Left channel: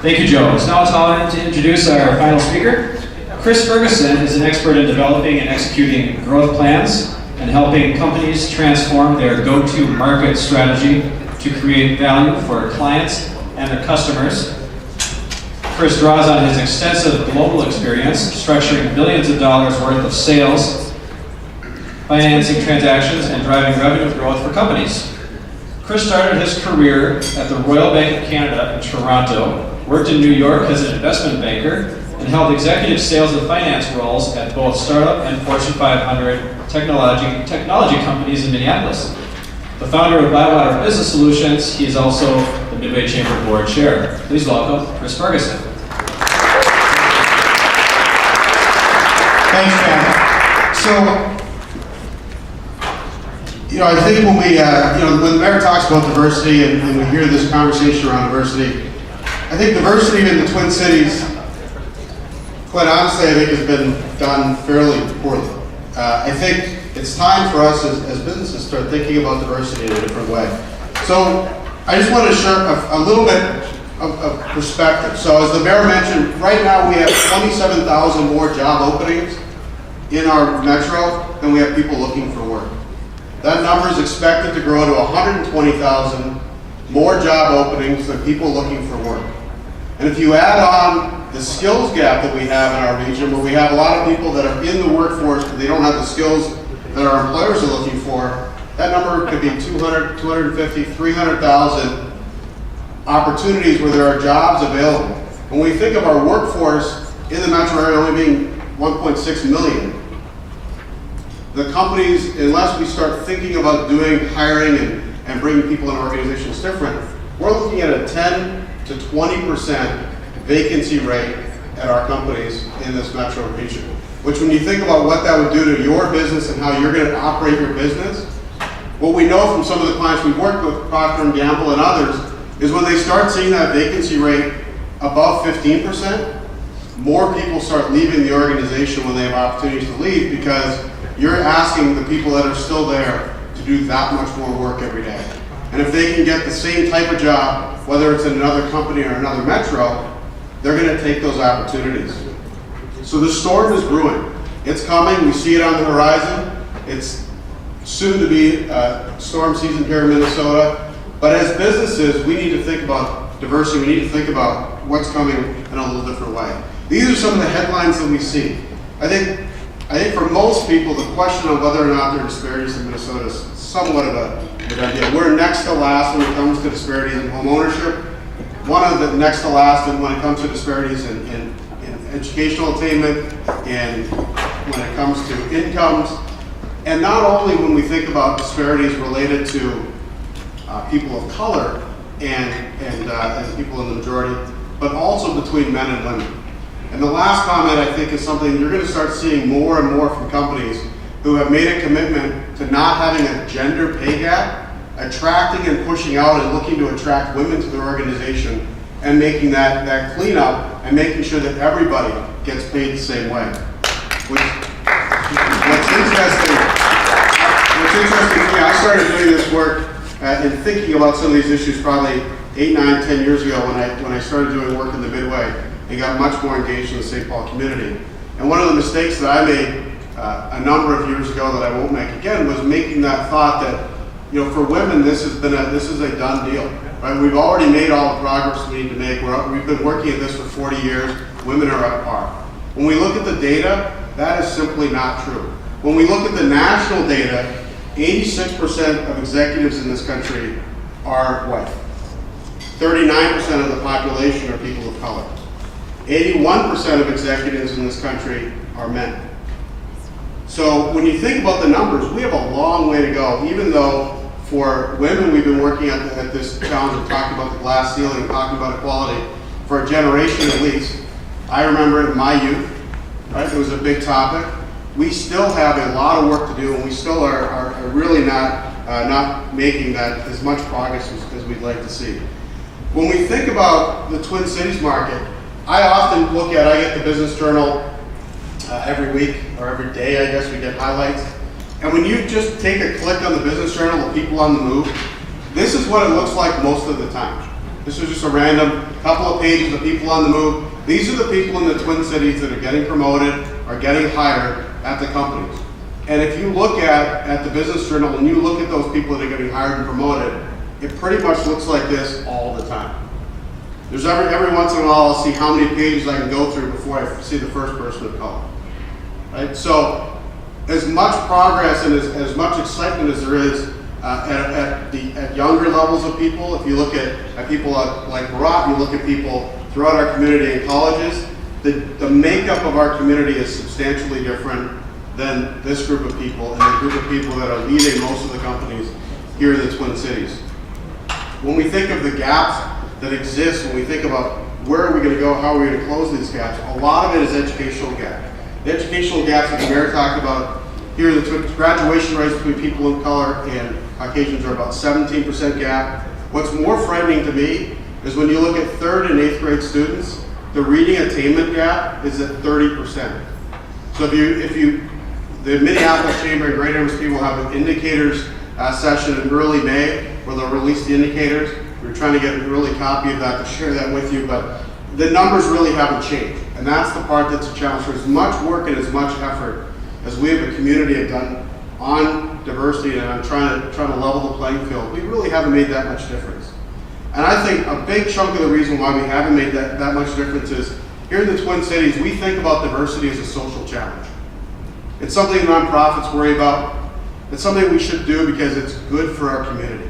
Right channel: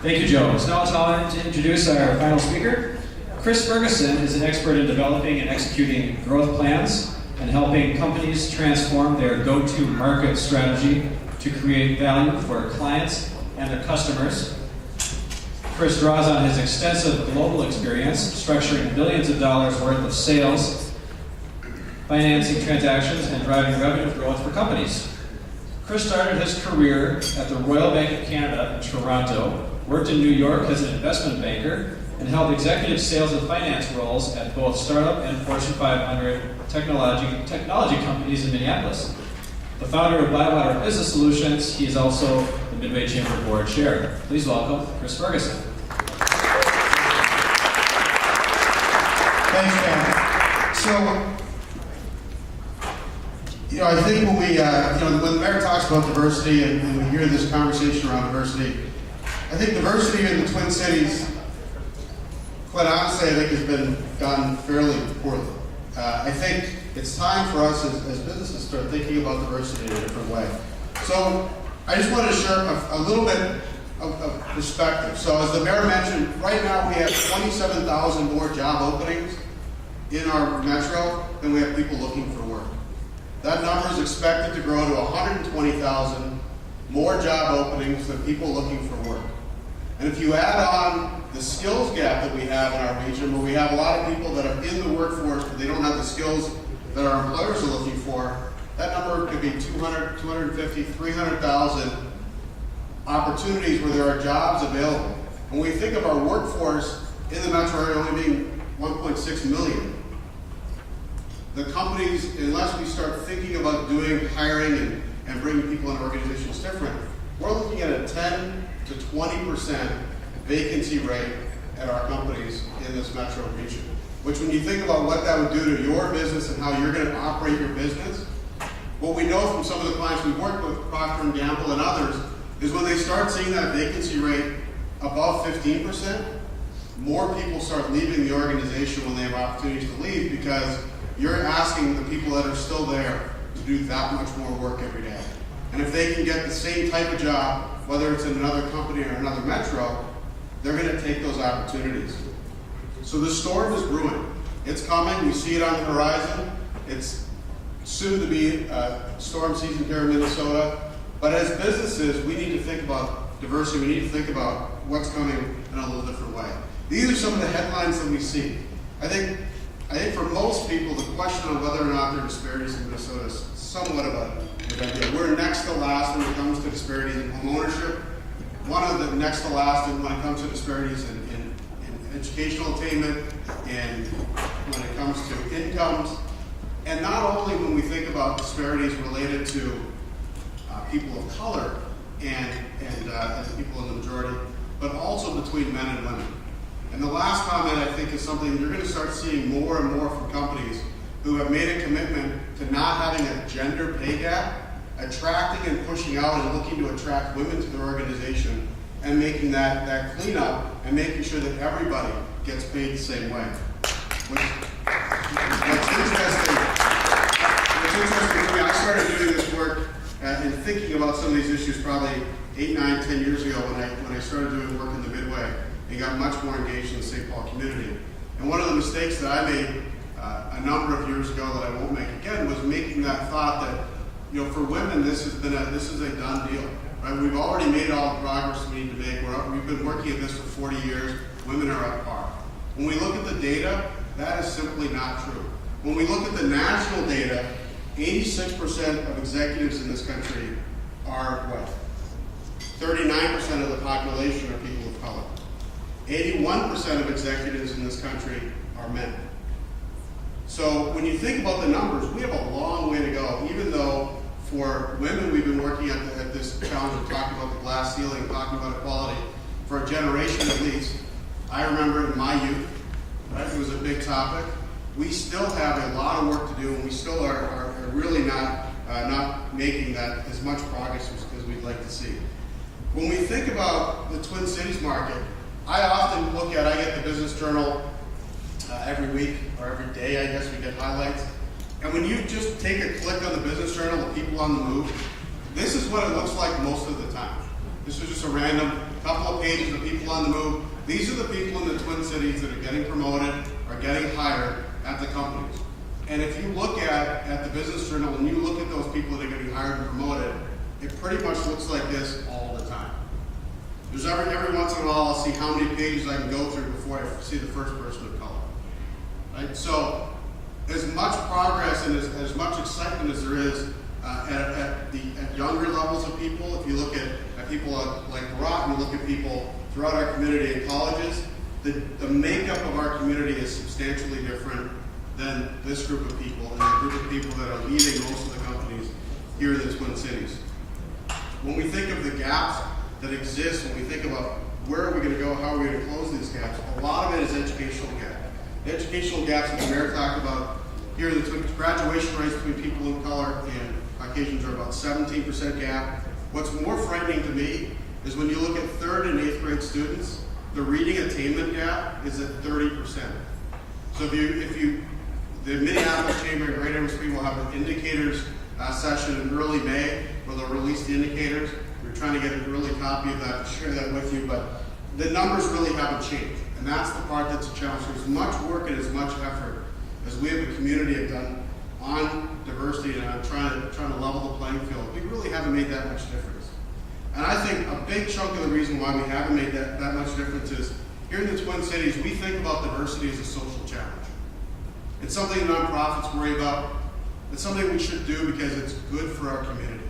Thank you, Joe. It's now time to introduce our final speaker. Chris Ferguson is an expert in developing and executing growth plans and helping companies transform their go-to market strategy to create value for clients and their customers. Chris draws on his extensive global experience structuring billions of dollars worth of sales, financing transactions, and driving revenue growth for companies. Chris started his career at the Royal Bank of Canada in Toronto, worked in New York as an investment banker, and held executive sales and finance roles at both startup and Fortune 500 technology companies in Minneapolis. The founder of Bywater Business Solutions, he is also the Midway Chamber Board Chair. Please welcome Chris Ferguson. Thanks, Chad. So, I think when when the mayor talks about diversity and we hear this conversation around diversity, I think diversity in the Twin Cities, quite honestly, I think has been done fairly poorly. I think it's time for us as businesses to start thinking about diversity in a different way. So I just want to share a little bit of perspective. So as the mayor mentioned, right now we have 27,000 more job openings in our metro than we have people looking for work. That number is expected to grow to 120,000 more job openings than people looking for work. And if you add on the skills gap that we have in our region, where we have a lot of people that are in the workforce but they don't have the skills that our employers are looking for, that number could be 200, 250, 300,000 opportunities where there are jobs available. When we think of our workforce in the metro area only being 1.6 million, the companies, unless we start thinking about doing hiring and bringing people in organizations different, we're looking at a 10 to 20% vacancy rate at our companies in this metro region. Which, when you think about what that would do to your business and how you're going to operate your business, what we know from some of the clients we've worked with, Procter & Gamble and others, is when they start seeing that vacancy rate above 15%, more people start leaving the organization when they have opportunities to leave, because you're asking the people that are still there to do that much more work every day. And if they can get the same type of job, whether it's in another company or another metro, they're going to take those opportunities. So the storm is brewing. It's coming. We see it on the horizon. It's soon to be storm season here in Minnesota. But as businesses, we need to think about diversity. We need to think about what's coming in a little different way. These are some of the headlines that we see. I think for most people, the question of whether or not there are disparities in Minnesota is somewhat of a good idea. We're next to last when it comes to disparities in home ownership. One of the next to last when it comes to disparities in educational attainment, and when it comes to incomes. And not only when we think about disparities related to people of color and people in the majority, but also between men and women. And the last comment, I think, is something you're going to start seeing more and more from companies who have made a commitment to not having a gender pay gap, attracting and pushing out and looking to attract women to their organization, and making that cleanup and making sure that everybody gets paid the same way. What's interesting to me, I started doing this work and thinking about some of these issues probably 8, 9, 10 years ago when I started doing work in the Midway and got much more engaged in the St. Paul community. And one of the mistakes that I made a number of years ago that I won't make again was making that thought that, for women, this is a done deal, right? We've already made all the progress we need to make. We've been working at this for 40 years. Women are at par. When we look at the data, that is simply not true. When we look at the national data, 86% of executives in this country are white. 39% of the population are people of color. 81% of executives in this country are men. So when you think about the numbers, we have a long way to go, even though for women we've been working at this challenge of talking about the glass ceiling, talking about equality for a generation at least. I remember in my youth, right, it was a big topic. We still have a lot of work to do, and we still are really not making that as much progress as we'd like to see. When we think about the Twin Cities market, I often I get the Business Journal every week, or every day, I guess we get highlights. And when you just take a click on the Business Journal, the people on the move, this is what it looks like most of the time. This is just a random couple of pages of people on the move. These are the people in the Twin Cities that are getting promoted or getting hired at the companies. And if you look at the Business Journal and you look at those people that are getting hired and promoted, it pretty much looks like this all the time. There's every once in a while I'll see how many pages I can go through before I see the first person of color. Right? So as much progress and as much excitement as there is at younger levels of people, if you look at people like Barat, you look at people throughout our community and colleges, the makeup of our community is substantially different than this group of people and the group of people that are leading most of the companies here in the Twin Cities. When we think of the gaps that exist, when we think about where are we going to go, how are we going to close these gaps, a lot of it is educational gap. The educational gaps that the mayor talked about here, the graduation rates between people of color and Caucasians are about 17% gap. What's more frightening to me is when you look at 3rd and 8th grade students, the reading attainment gap is at 30%. So the Minneapolis Chamber and Greater MSP will have an indicators session in early May where they'll release the indicators. We're trying to get an early copy of that to share that with you, but the numbers really haven't changed. And that's the part that's a challenge. For as much work and as much effort as we have a community have done on diversity and on trying to level the playing field, we really haven't made that much difference. And I think a big chunk of the reason why we haven't made that much difference is here in the Twin Cities, we think about diversity as a social challenge. It's something nonprofits worry about. It's something we should do because it's good for our community.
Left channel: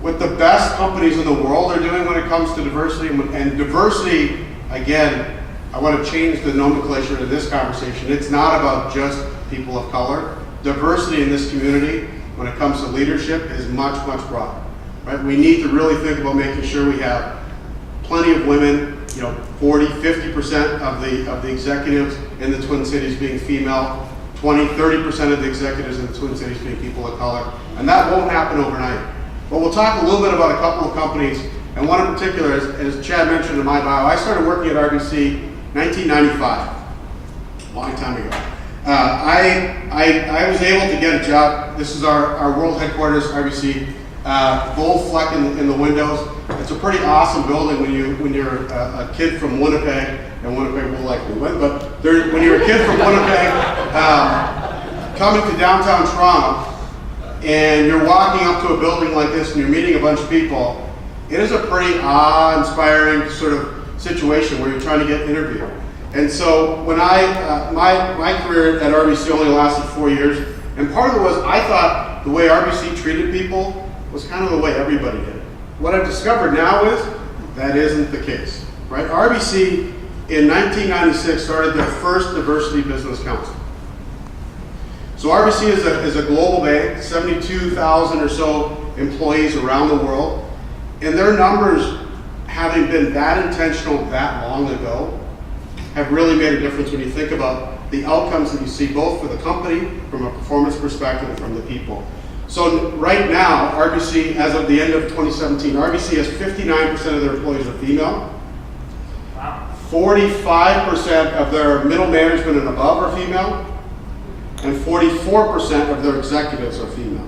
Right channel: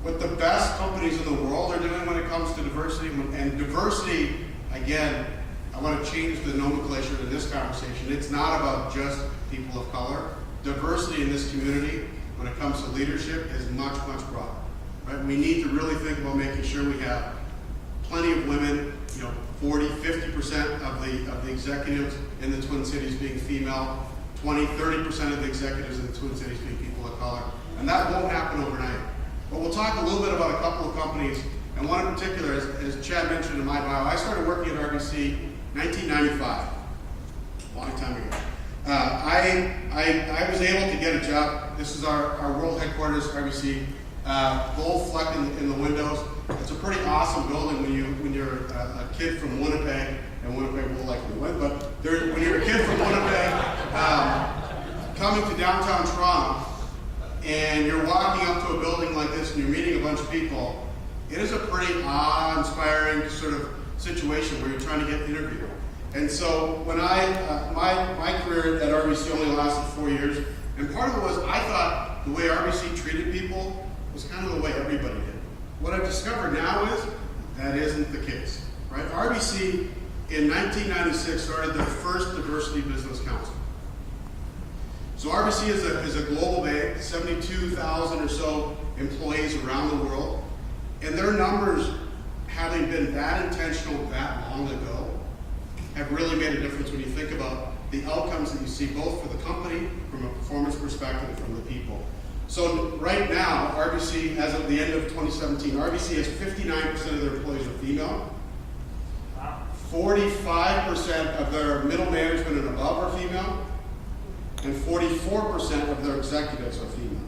What the best companies in the world are doing when it comes to diversity, and diversity, again, I want to change the nomenclature in this conversation. It's not about just people of color. Diversity in this community, when it comes to leadership, is much, much broader. Right? We need to really think about making sure we have plenty of women, 40, 50% of the executives in the Twin Cities being female, 20, 30% of the executives in the Twin Cities being people of color. And that won't happen overnight. But we'll talk a little bit about a couple of companies, and one in particular, as Chad mentioned in my bio, I started working at RBC 1995, a long time ago. I was able to get a job. This is our world headquarters, RBC, gold fleck in the windows. It's a pretty awesome building when you're a kid from Winnipeg, and Winnipeg will likely win, but when you're a kid from Winnipeg coming to downtown Toronto, and you're walking up to a building like this and you're meeting a bunch of people, it is a pretty awe-inspiring sort of situation where you're trying to get interviewed. And so when my career at RBC only lasted 4 years, and part of it was I thought the way RBC treated people was kind of the way everybody did. What I've discovered now is that isn't the case, right? RBC in 1996 started their first diversity business council. So RBC is a global bank, 72,000 or so employees around the world, and their numbers, having been that intentional that long ago, have really made a difference when you think about the outcomes that you see both for the company from a performance perspective and from the people. So right now, RBC, as of the end of 2017, RBC has 59% of their employees are female. 45% of their middle management and above are female. And 44% of their executives are female.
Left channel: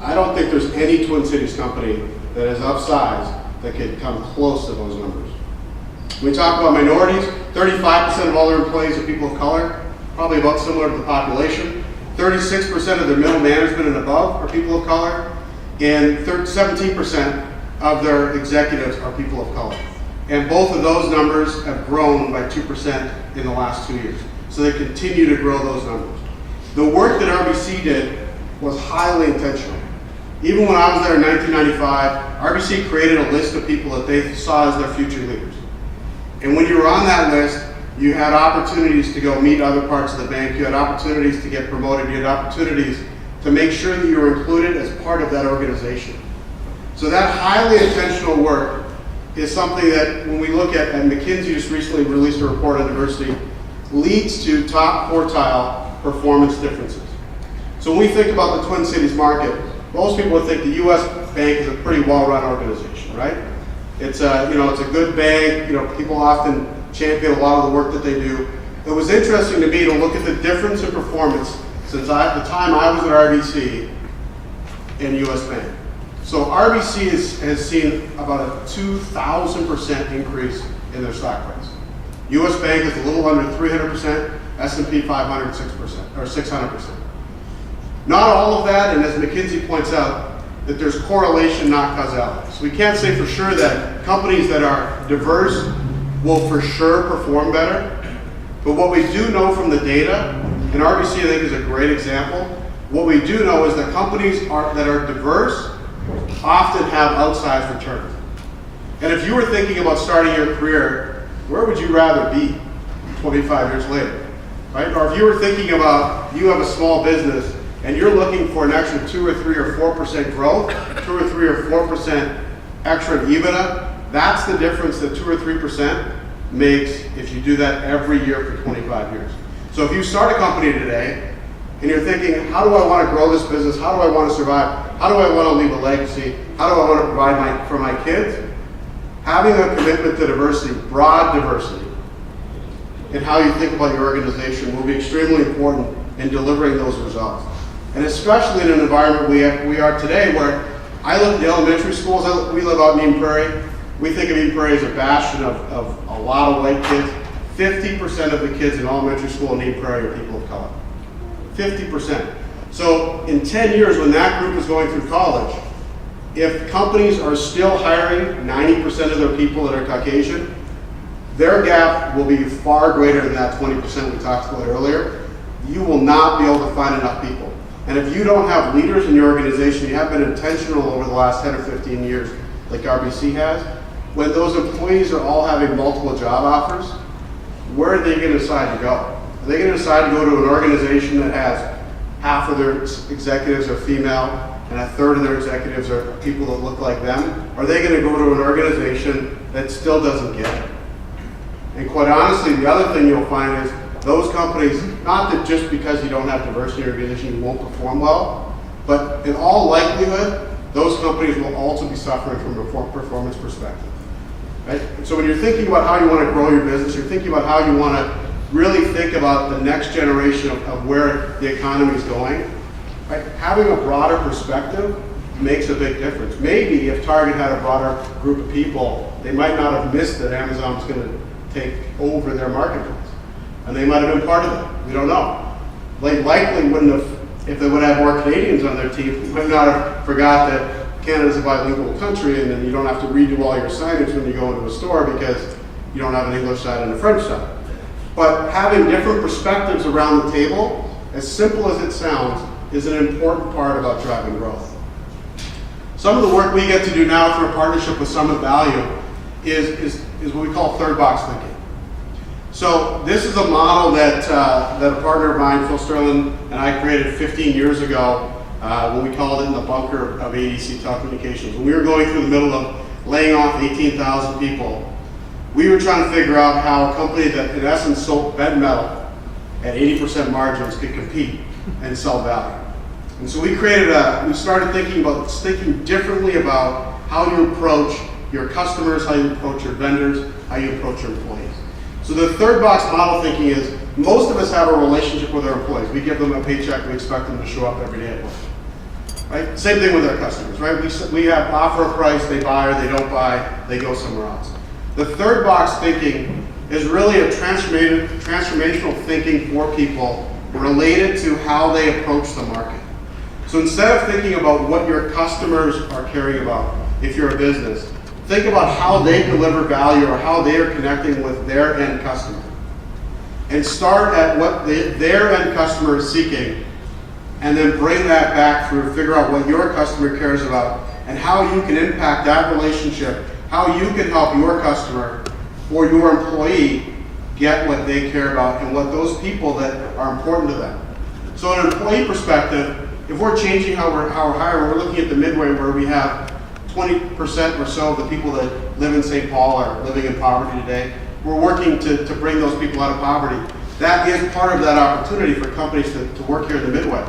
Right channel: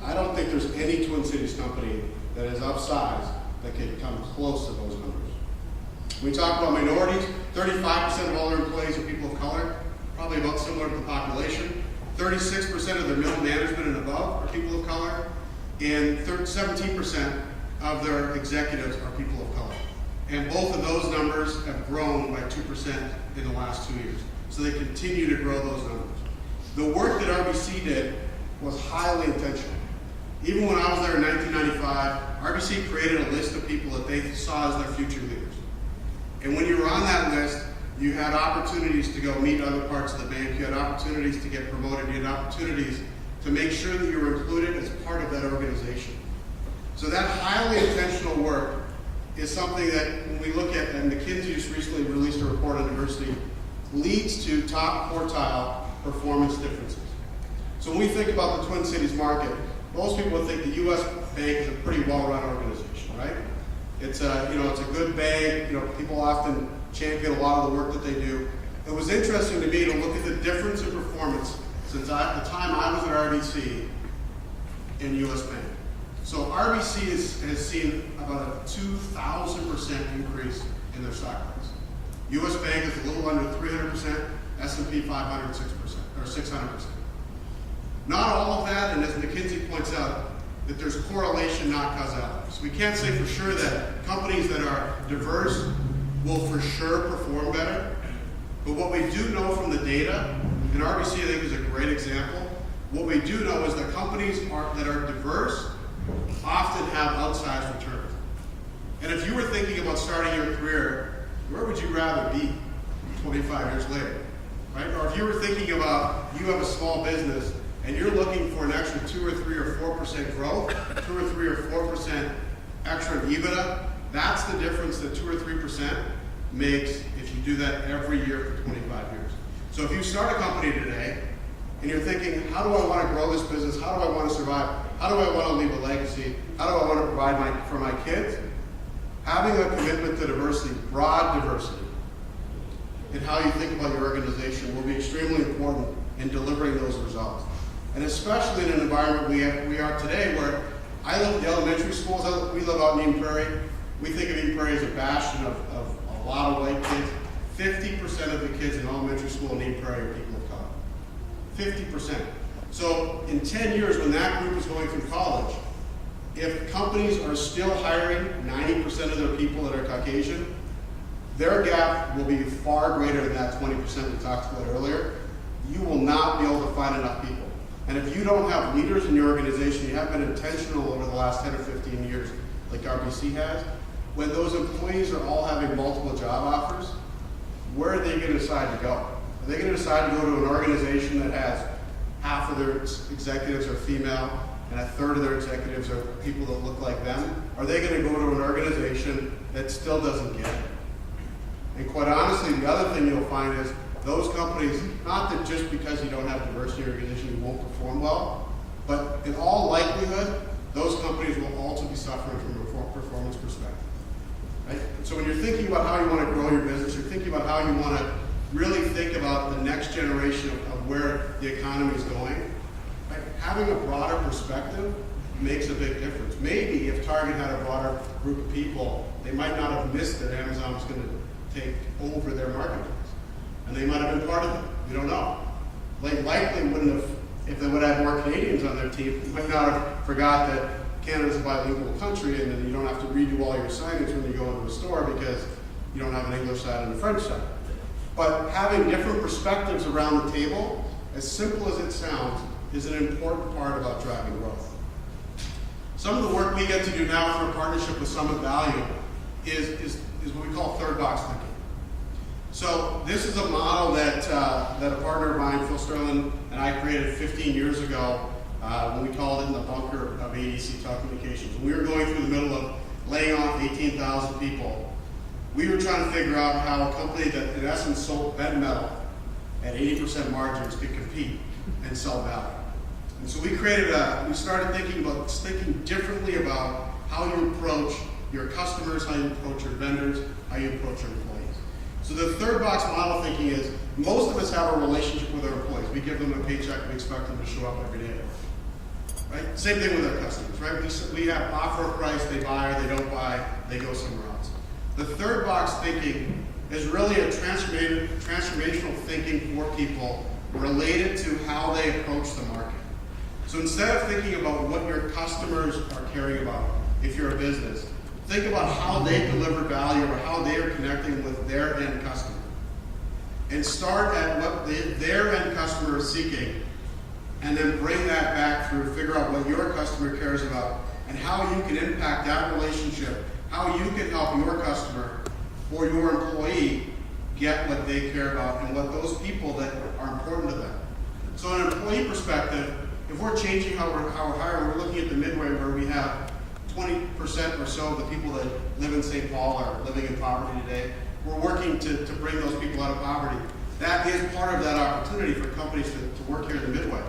I don't think there's any Twin Cities company that is of size that could come close to those numbers. When we talk about minorities, 35% of all their employees are people of color, probably about similar to the population. 36% of their middle management and above are people of color, and 17% of their executives are people of color. And both of those numbers have grown by 2% in the last 2 years. So they continue to grow those numbers. The work that RBC did was highly intentional. Even when I was there in 1995, RBC created a list of people that they saw as their future leaders. And when you were on that list, you had opportunities to go meet other parts of the bank, you had opportunities to get promoted, you had opportunities to make sure that you were included as part of that organization. So that highly intentional work is something that when we look at, and McKinsey just recently released a report on diversity, leads to top quartile performance differences. So when we think about the Twin Cities market, most people would think the U.S. bank is a pretty well-run organization, right? It's a good bank. People often champion a lot of the work that they do. It was interesting to me to look at the difference in performance since the time I was at RBC and U.S. Bank. So RBC has seen about a 2,000% increase in their stock price. US Bank is a little under 300%, S&P 500, 6%, or 600%. Not all of that, and as McKinsey points out, that there's correlation, not causality. So we can't say for sure that companies that are diverse will for sure perform better. But what we do know from the data, and RBC I think is a great example, what we do know is that companies that are diverse often have outsized returns. And if you were thinking about starting your career, where would you rather be 25 years later, right? Or if you were thinking about, you have a small business and you're looking for an extra 2 or 3 or 4% growth, 2 or 3 or 4% extra in EBITDA, that's the difference that 2 or 3% makes if you do that every year for 25 years. So if you start a company today and you're thinking, how do I want to grow this business? How do I want to survive? How do I want to leave a legacy? How do I want to provide for my kids? Having a commitment to diversity, broad diversity, in how you think about your organization will be extremely important in delivering those results. And especially in an environment we are today where I look at the elementary schools, we live out in Eden Prairie. We think of Eden Prairie as a bastion of a lot of white kids. 50% of the kids in elementary school in Eden Prairie are people of color. 50%. So in 10 years, when that group is going through college, if companies are still hiring 90% of their people that are Caucasian, their gap will be far greater than that 20% we talked about earlier. You will not be able to find enough people. And if you don't have leaders in your organization, you have been intentional over the last 10 or 15 years, like RBC has, when those employees are all having multiple job offers, where are they going to decide to go? Are they going to decide to go to an organization that has half of their executives are female and a third of their executives are people that look like them? Or are they going to go to an organization that still doesn't get it? And quite honestly, the other thing you'll find is those companies, not that just because you don't have diversity in your organization you won't perform well, but in all likelihood, those companies will also be suffering from a performance perspective. Right? So when you're thinking about how you want to grow your business, you're thinking about how you want to really think about the next generation of where the economy is going. Right? Having a broader perspective makes a big difference. Maybe if Target had a broader group of people, they might not have missed that Amazon was going to take over their marketplace. And they might have been part of that. We don't know. They likely wouldn't have, if they would have had more Canadians on their team, might not have forgot that Canada's a bilingual country and then you don't have to redo all your signage when you go into a store because you don't have an English side and a French side. But having different perspectives around the table, as simple as it sounds, is an important part about driving growth. Some of the work we get to do now through a partnership with Summit Value is what we call third box thinking. So this is a model that a partner of mine, Phil Sterling, and I created 15 years ago when we called it in the bunker of ADC Telecommunications. When we were going through the middle of laying off 18,000 people, we were trying to figure out how a company that in essence sold bed metal at 80% margins could compete and sell value. And so we started thinking differently about how you approach your customers, how you approach your vendors, how you approach your employees. So the third box model thinking is, most of us have a relationship with our employees. We give them a paycheck, we expect them to show up every day at work. Right? Same thing with our customers, right? We have offer a price, they buy or they don't buy, they go somewhere else. The third box thinking is really a transformational thinking for people related to how they approach the market. So instead of thinking about what your customers are caring about, if you're a business, think about how they deliver value or how they are connecting with their end customer. And start at what their end customer is seeking, and then bring that back through, figure out what your customer cares about, and how you can impact that relationship, how you can help your customer or your employee get what they care about and what those people that are important to them. So in an employee perspective, if we're changing how we're hiring, we're looking at the Midway where we have 20% or so of the people that live in St. Paul are living in poverty today. We're working to bring those people out of poverty. That is part of that opportunity for companies to work here in the Midway.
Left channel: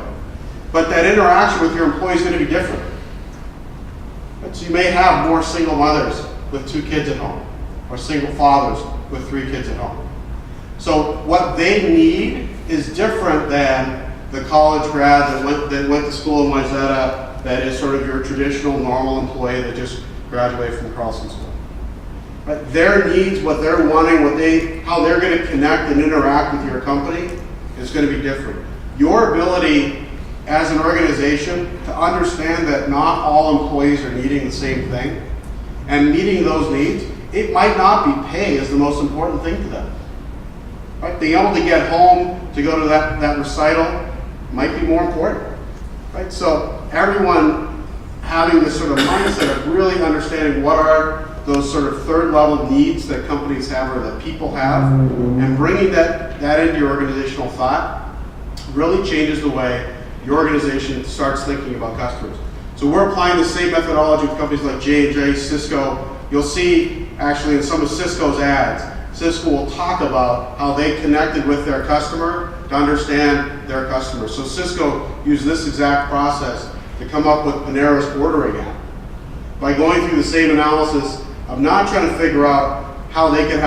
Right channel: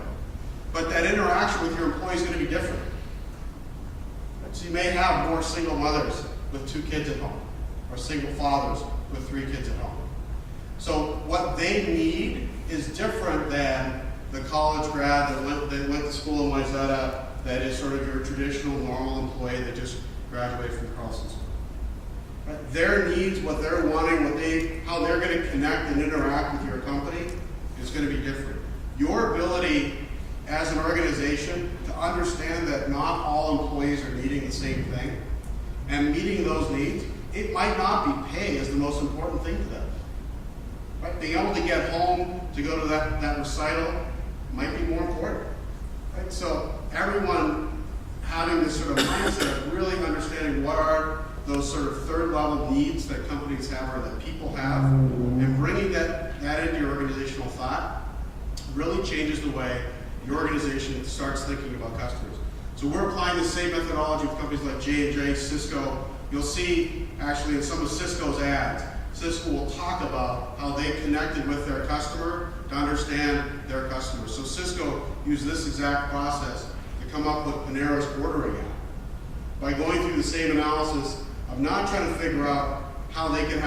But that interaction with your employees is going to be different. So you may have more single mothers with 2 kids at home, or single fathers with 3 kids at home. So what they need is different than the college grad that went to school in Wayzata that is sort of your traditional, normal employee that just graduated from Carlson School. But their needs, what they're wanting, how they're going to connect and interact with your company is going to be different. Your ability as an organization to understand that not all employees are needing the same thing and meeting those needs, it might not be pay is the most important thing to them. Right? Being able to get home to go to that recital might be more important. Right? So everyone having this sort of mindset of really understanding what are those sort of third level needs that companies have or that people have, and bringing that into your organizational thought really changes the way your organization starts thinking about customers. So we're applying the same methodology with companies like J&J, Cisco. You'll see actually in some of Cisco's ads, Cisco will talk about how they connected with their customer to understand their customer. So Cisco used this exact process to come up with Panera's ordering app. By going through the same analysis of not trying to figure out how they could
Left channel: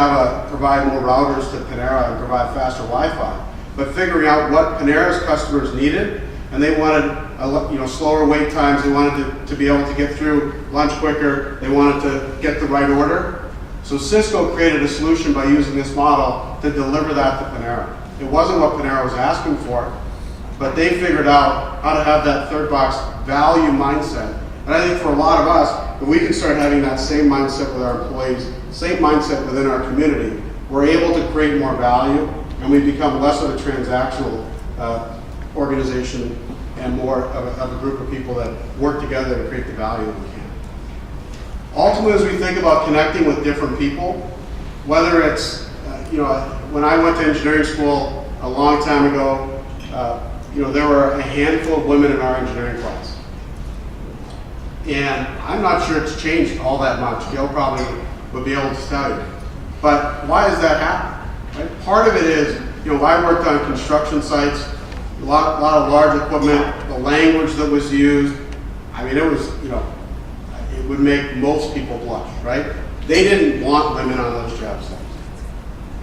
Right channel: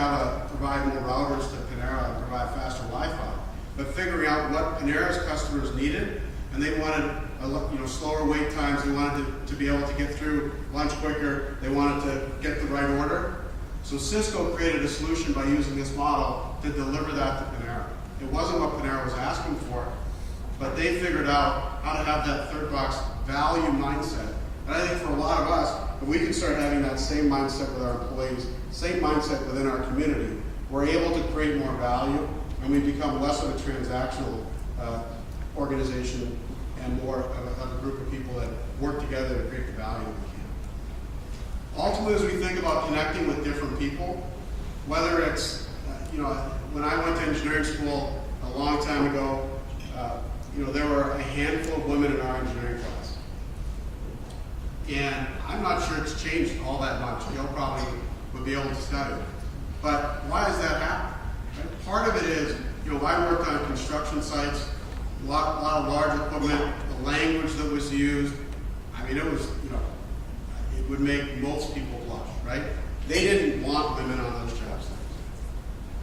provide more routers to Panera and provide faster Wi-Fi, but figuring out what Panera's customers needed, and they wanted slower wait times, they wanted to be able to get through lunch quicker, they wanted to get the right order. So Cisco created a solution by using this model to deliver that to Panera. It wasn't what Panera was asking for, but they figured out how to have that third box value mindset. And I think for a lot of us, if we can start having that same mindset with our employees, same mindset within our community, we're able to create more value, and we become less of a transactional organization and more of a group of people that work together to create the value that we can. Ultimately, as we think about connecting with different people, whether it's, when I went to engineering school a long time ago, there were a handful of women in our engineering class. And I'm not sure it's changed all that much. Gail probably would be able to tell you. But why does that happen? Right? Part of it is, I worked on construction sites, a lot of large equipment, the language that was used. I mean, it was, it would make most people blush, right? They didn't want women on those job sites.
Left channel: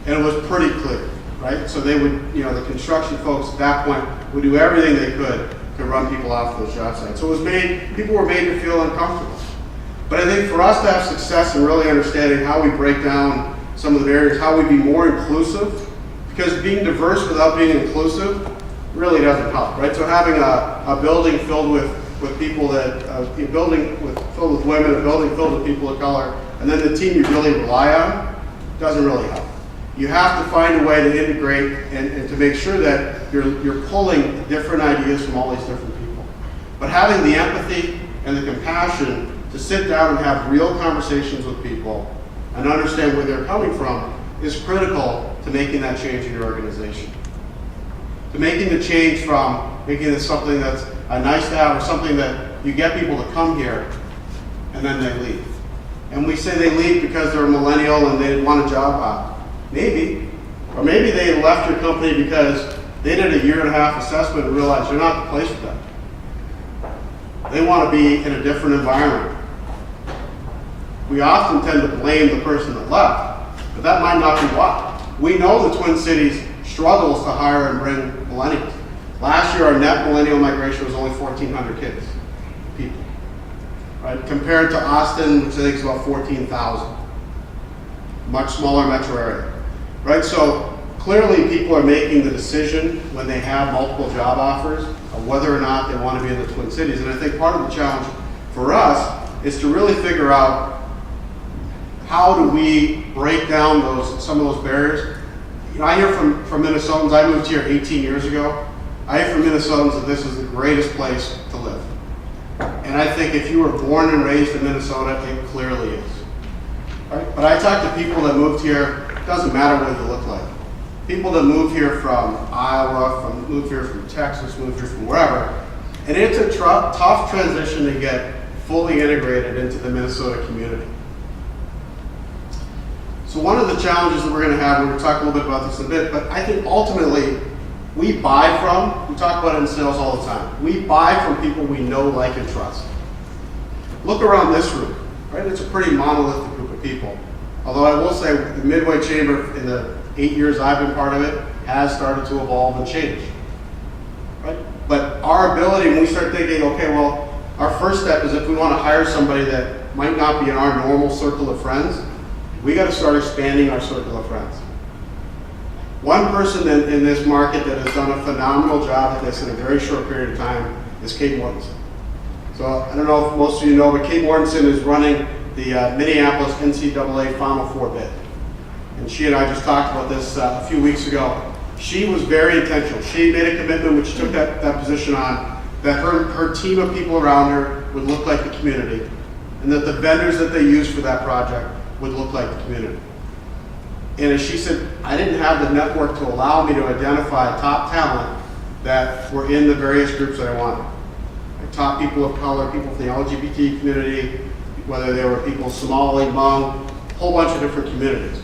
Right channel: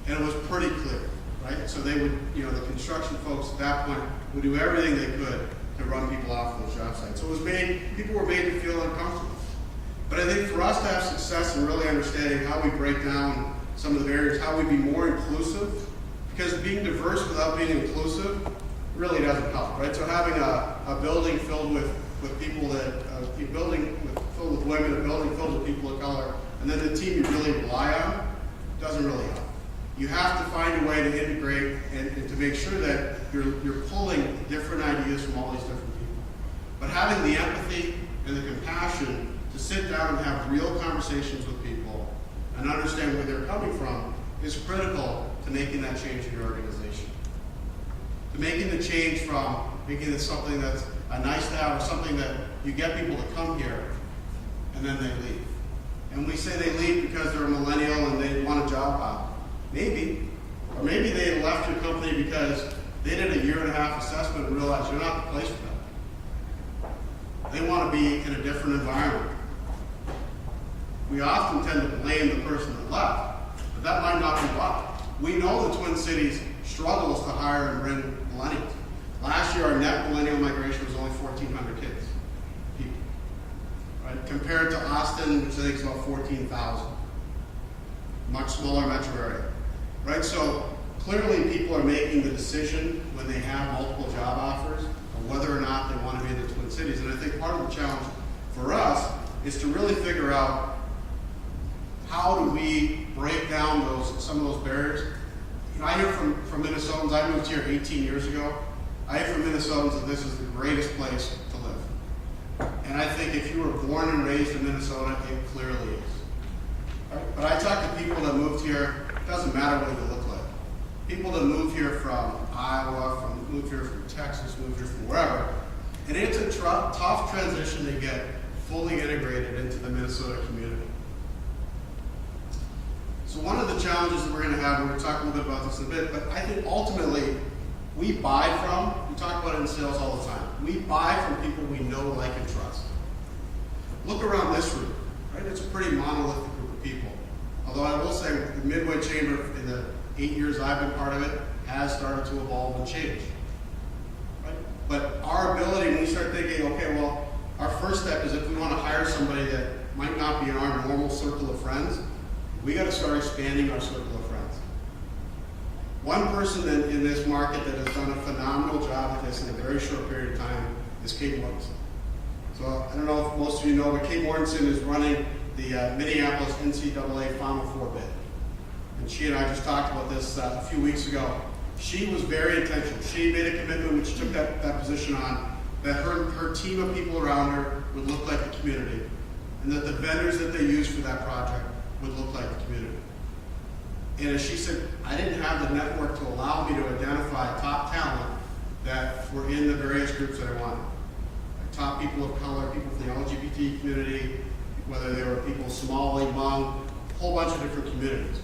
And it was pretty clear, right? So they would, the construction folks at that point would do everything they could to run people off those job sites. So people were made to feel uncomfortable. But I think for us to have success in really understanding how we break down some of the barriers, how we be more inclusive, because being diverse without being inclusive really doesn't help, right? So having a building filled with people filled with women, a building filled with people of color, and then the team you really rely on doesn't really help. You have to find a way to integrate and to make sure that you're pulling different ideas from all these different people. But having the empathy and the compassion to sit down and have real conversations with people and understand where they're coming from is critical to making that change in your organization. To making the change from making this something that's a nice to have or something that you get people to come here and then they leave. And we say they leave because they're a millennial and they want a job hop. Maybe. Or maybe they left your company because they did a 1.5 year assessment and realized you're not the place for them. They want to be in a different environment. We often tend to blame the person that left, but that might not be why. We know the Twin Cities struggles to hire and bring millennials. Last year, our net millennial migration was only 1,400 kids, people, right? Compared to Austin, which I think is about 14,000, much smaller metro area, right? So clearly, people are making the decision when they have multiple job offers of whether or not they want to be in the Twin Cities. And I think part of the challenge for us is to really figure out how do we break down some of those barriers. I hear from Minnesotans, I moved here 18 years ago. I hear from Minnesotans that this is the greatest place to live. And I think if you were born and raised in Minnesota, it clearly is. Right? But I talk to people that moved here, it doesn't matter what you look like. People that move here from Iowa, move here from Texas, move here from wherever, and it's a tough transition to get fully integrated into the Minnesota community. So one of the challenges that we're going to have, we're going to talk a little bit about this in a bit, but I think ultimately we buy from, we talk about it in sales all the time, we buy from people we know, like, and trust. Look around this room, right? It's a pretty monolithic group of people. Although I will say the Midway Chamber, in the 8 years I've been part of it, has started to evolve and change, right? But our ability, when we start thinking, okay, well, our first step is if we want to hire somebody that might not be in our normal circle of friends, we got to start expanding our circle of friends. One person in this market that has done a phenomenal job at this in a very short period of time is Kate Mortensen. So I don't know if most of you know, but Kate Mortensen is running the Minneapolis NCAA Final Four bid. And she and I just talked about this a few weeks ago. She was very intentional. She made a commitment when she took that position on, that her team of people around her would look like the community, and that the vendors that they used for that project would look like the community. And as she said, I didn't have the network to allow me to identify top talent that were in the various groups that I wanted. Like top people of color, people from the LGBT community, whether they were people Somali, Hmong, a whole bunch of different communities.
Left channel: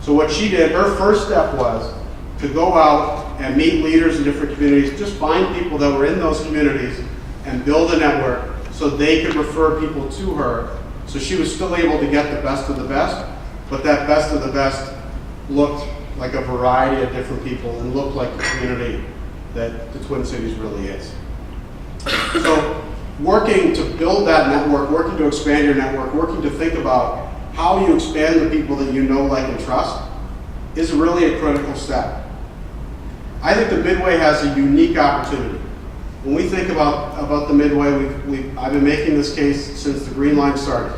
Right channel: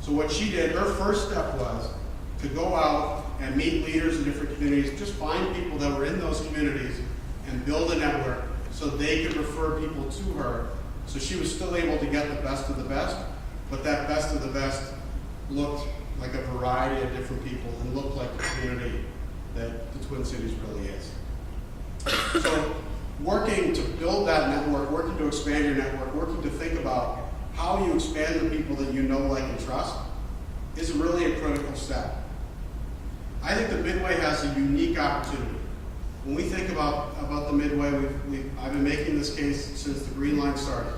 So what she did, her first step was to go out and meet leaders in different communities, just find people that were in those communities and build a network so they could refer people to her. So she was still able to get the best of the best, but that best of the best looked like a variety of different people and looked like the community that the Twin Cities really is. So working to build that network, working to expand your network, working to think about how you expand the people that you know, like, and trust is really a critical step. I think the Midway has a unique opportunity. When we think about the Midway, I've been making this case since the Green Line started.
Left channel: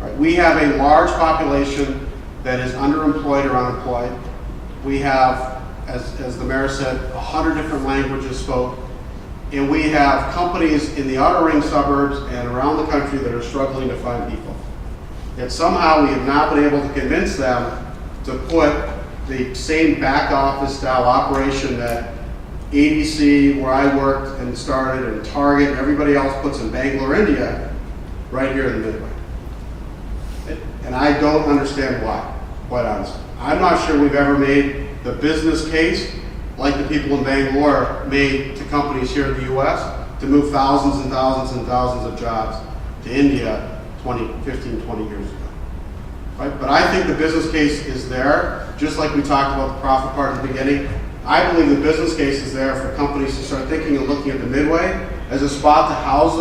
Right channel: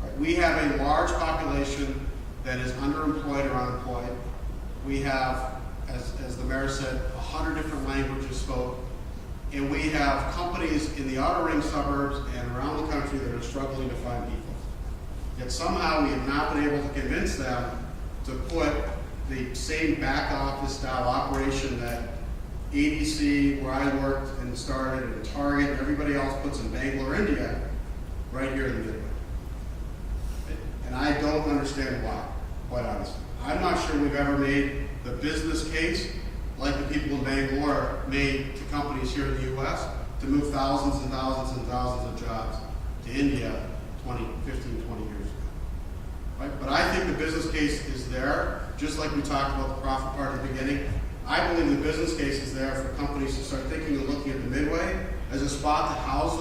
Right? We have a large population that is underemployed or unemployed. We have, as the mayor said, 100 different languages spoke. And we have companies in the outer ring suburbs and around the country that are struggling to find people. Yet somehow we have not been able to convince them to put the same back office style operation that ADC, where I worked and started, and Target, and everybody else puts in Bangalore, India, right here in the Midway. And I don't understand why, quite honestly. I'm not sure we've ever made the business case like the people in Bangalore made to companies here in the US to move thousands and thousands and thousands of jobs to India 15, 20 years ago. Right? But I think the business case is there, just like we talked about the profit part at the beginning. I believe the business case is there for companies to start thinking and looking at the Midway as a spot to house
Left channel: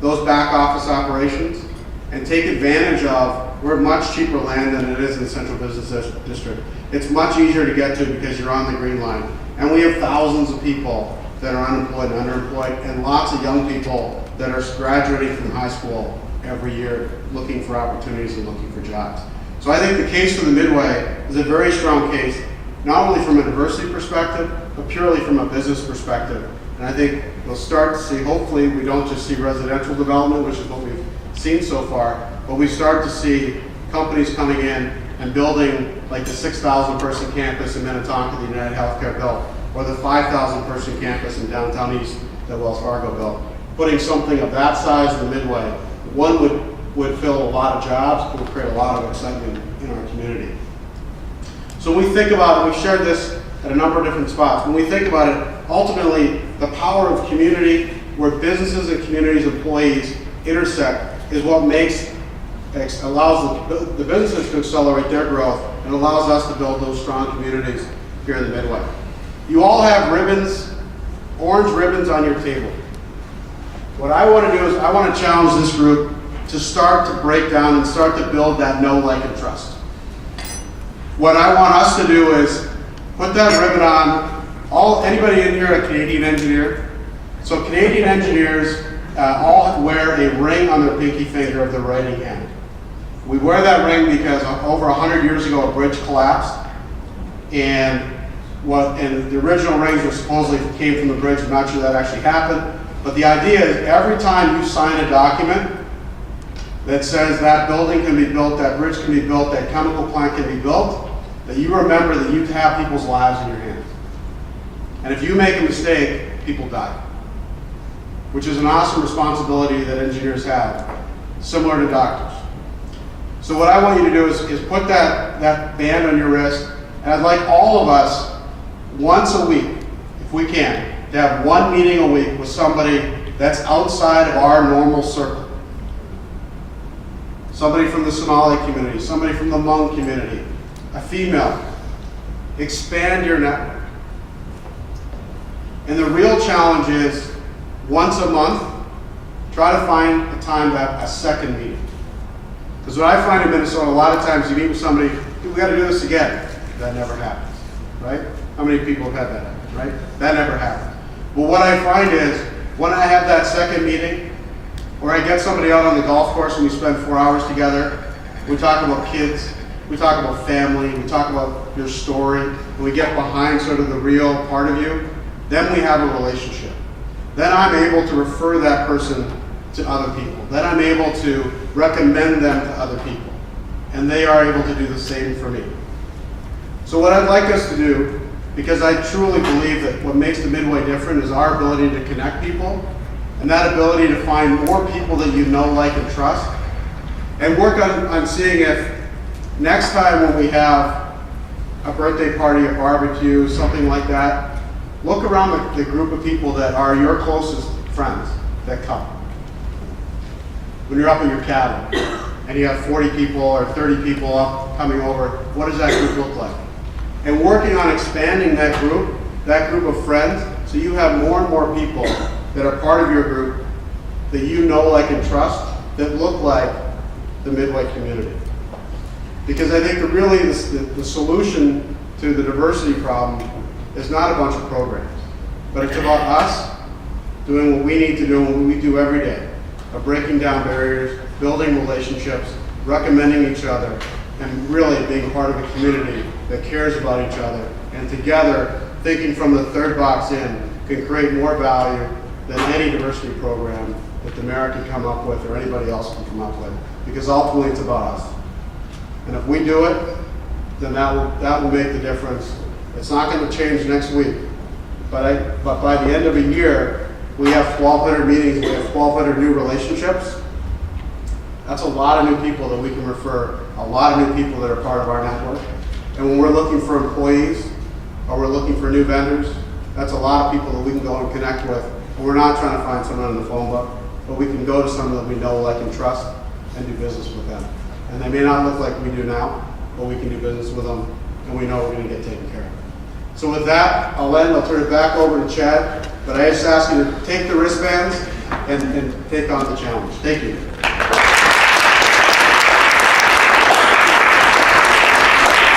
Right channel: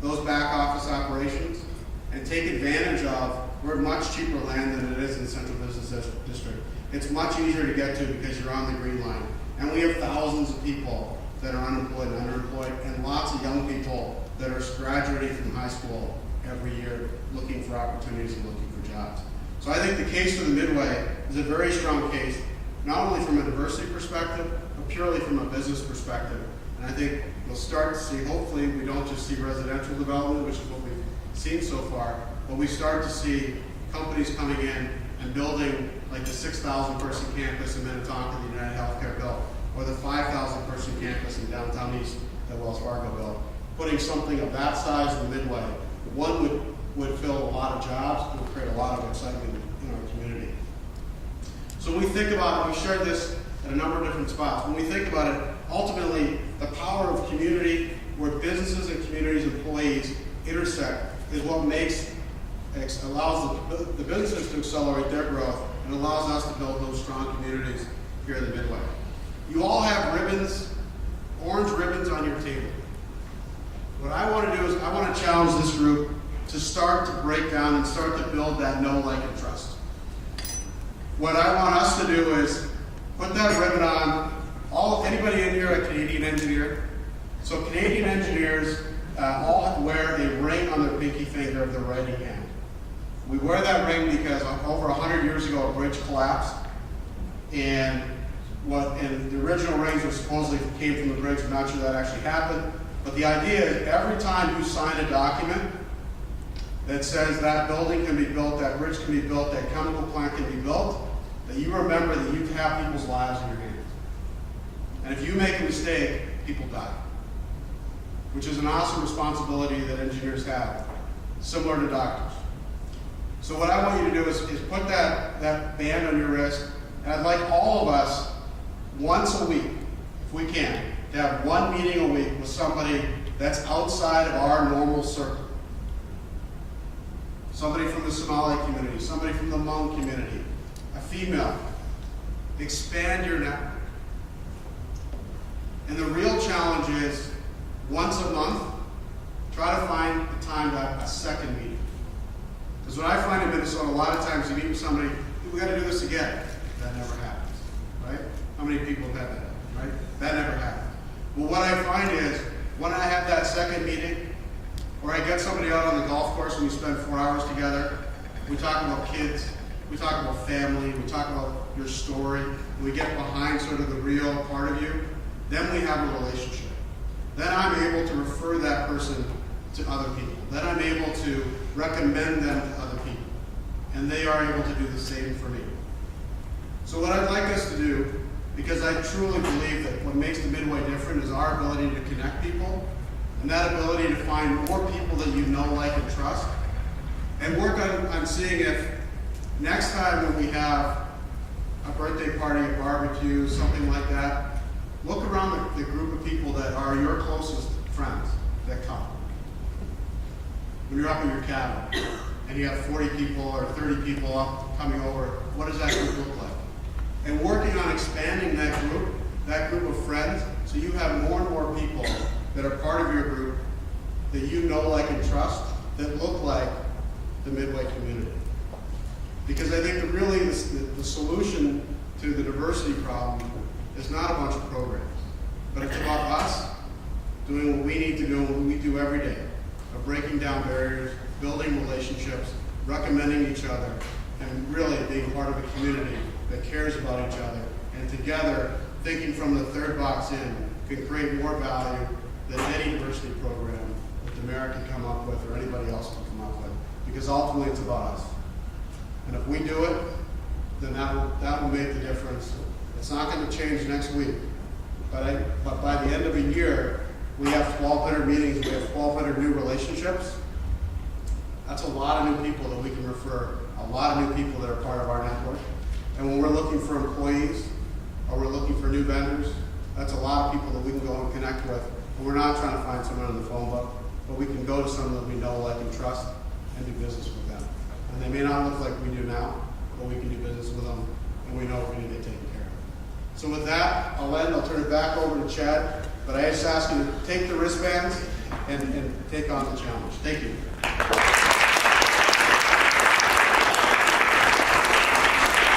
those back office operations and take advantage of. We're much cheaper land than it is in the Central Business District. It's much easier to get to because you're on the Green Line. And we have thousands of people that are unemployed and underemployed, and lots of young people that are graduating from high school every year looking for opportunities and looking for jobs. So I think the case for the Midway is a very strong case, not only from a diversity perspective, but purely from a business perspective. And I think we'll start to see, hopefully we don't just see residential development, which is what we've seen so far, but we start to see companies coming in and building like the 6,000 person campus in Minnetonka the United Healthcare built, or the 5,000 person campus in downtown East that Wells Fargo built. Putting something of that size in the Midway, one would fill a lot of jobs, it would create a lot of excitement in our community. So when we think about it, we've shared this at a number of different spots. When we think about it, ultimately the power of community, where businesses and communities, employees intersect, is what allows the businesses to accelerate their growth and allows us to build those strong communities here in the Midway. You all have ribbons, orange ribbons on your table. What I want to do is I want to challenge this group to start to break down and start to build that know, like, and trust. What I want us to do is put that ribbon on. Anybody in here a Canadian engineer? So Canadian engineers all wear a ring on their pinky finger of their right hand. We wear that ring because over 100 years ago a bridge collapsed, and the original rings were supposedly came from the bridge. I'm not sure that actually happened, but the idea is every time you sign a document that says that building can be built, that bridge can be built, that chemical plant can be built, that you remember that you have people's lives in your hands. And if you make a mistake, people die, which is an awesome responsibility that engineers have, similar to doctors. So what I want you to do is put that band on your wrist, and I'd like all of us, once a week, if we can, to have one meeting a week with somebody that's outside of our normal circle. Somebody from the Somali community, somebody from the Hmong community, a female. Expand your network. And the real challenge is, once a month, try to find a time to have a second meeting. Because what I find in Minnesota, a lot of times you meet with somebody, we got to do this again. That never happens, right? How many people have had that happen, right? That never happens. But what I find is, when I have that second meeting, or I get somebody out on the golf course and we spend 4 hours together, we talk about kids, we talk about family, we talk about your story, and we get behind sort of the real part of you, then we have a relationship. Then I'm able to refer that person to other people. Then I'm able to recommend them to other people. And they are able to do the same for me. So what I'd like us to do, because I truly believe that what makes the Midway different is our ability to connect people, and that ability to find more people that you know, like, and trust, and work on seeing if next time when we have a birthday party, a barbecue, something like that, look around the group of people that are your closest friends that come. When you're up at your cabin and you have 40 people or 30 people up coming over, what does that group look like? And working on expanding that group of friends, so you have more and more people that are part of your group that you know, like, and trust, that look like the Midway community. Because I think the solution to the diversity problem is not a bunch of programs, but it's about us doing what we need to do and what we do every day, of breaking down barriers, building relationships, recommending each other, and really being part of a community that cares about each other, and together, thinking from the third box in, can create more value than any diversity program that the mayor can come up with or anybody else can come up with, because ultimately it's about us. And if we do it, then that will make the difference. It's not going to change next week, but by the end of a year, we have 1,200 meetings, we have 1,200 new relationships. That's a lot of new people that we can refer, a lot of new people that are part of our network. And when we're looking for employees, or we're looking for new vendors, that's a lot of people that we can go and connect with. And we're not trying to find someone in the phone book, but we can go to someone that we know, like, and trust, and do business with them. And they may not look like we do now, but we can do business with them, and we know we're going to get taken care of. So with that, I'll turn it back over to Chad, but I just ask you to take the wristbands and take on the challenge. Thank you.